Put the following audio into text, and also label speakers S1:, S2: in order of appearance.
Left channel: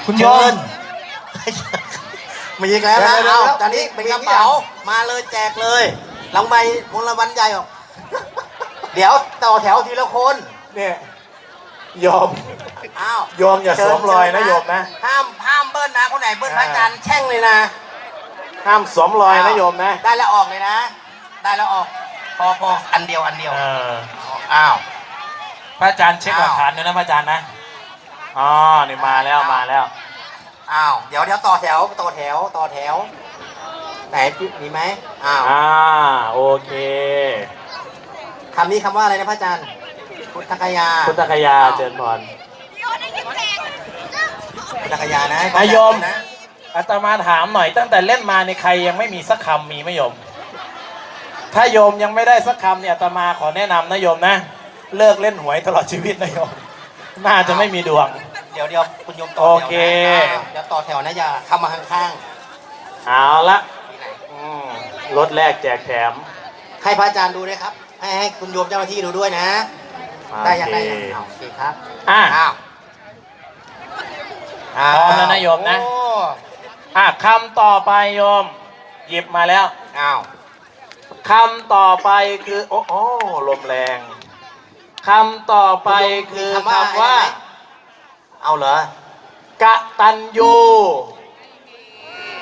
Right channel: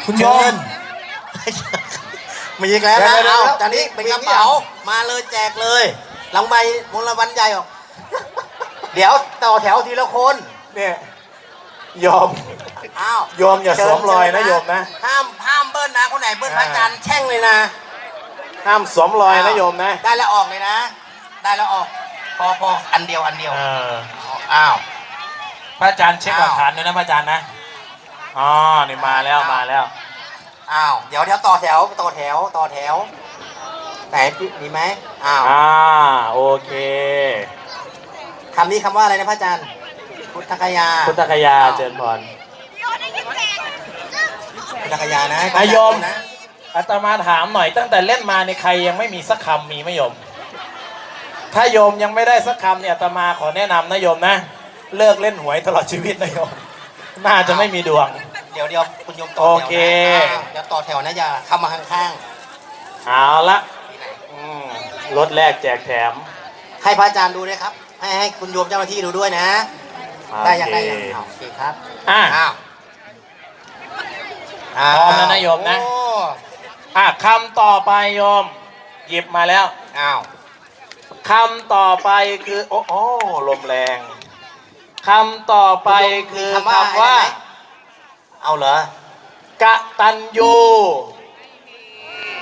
S1: คุณโยม
S2: มีอีกแล้วนะ
S1: เดี๋ยว
S2: เอาตอนนี้เป็นคำเดียวมาเลยแจกเลยรางวัลมูลรางวัลใหญ่ออกเดี๋ยวต่อแถวทีละคน
S1: เนี่ยโยม
S2: อ้าว
S1: โยมอย่าสวมรอยนะโยมนะ
S2: ห้ามเบิ้ลนะคนไหนเบิ้ลพระอาจารย์แช่งเลยนะ
S1: ห้ามสวมรอยนะโยมนะ
S2: ได้แล้วออกเลยนะ ได้แล้วออกพออันเดียวอ้าว
S1: พระอาจารย์เช็คหลักฐานด้วยนะพระอาจารย์นะอ๋อนี่มาแล้วมาแล้ว
S2: อ้าวเดี๋ยวต่อแถวไหนมีไหมอ้าว
S1: โอเค
S2: คำนี้คำว่าอะไรนะพระอาจารย์พุทธคยา
S1: พุทธคยาเจริญพร
S2: พุทธคยานะ
S1: นายโยม
S2: นะ
S1: อาตมาถามหน่อยตั้งแต่เล่นมาในใครยังไม่มีสักคำมีไหมโยม ถ้าโยมยังไม่ได้สักคำเนี่ยอาตมาขอแนะนำนะโยมนะเลิกเล่นหวยตลอดชีวิตนะโยมน่าจะไม่มีดวง
S2: เดี๋ยวคุณโยมต่อ
S1: โอ
S2: แถว
S1: เค
S2: นะเดี๋ยวต่อแถวนะอย่าเข้ามาข้าง
S1: เอาละรถแรกแจกแถม
S2: ๆให้พระอาจารย์ดูด้วยครับให้คุณโยมเจ้าหน้าที่ดูด้วยนะได้ยังไงโอเคครับ
S1: อ่ะ
S2: อ้าว
S1: พร้อมแล้วนะโยมนะ
S2: โอ้
S1: คำต่อไปโยม หยิบมาแล้ว
S2: อ้าว
S1: คำต่อไปคือโอ้ลมแรงคำต่อไปคือคำว่า
S2: เอาเหรอก
S1: ตัญญู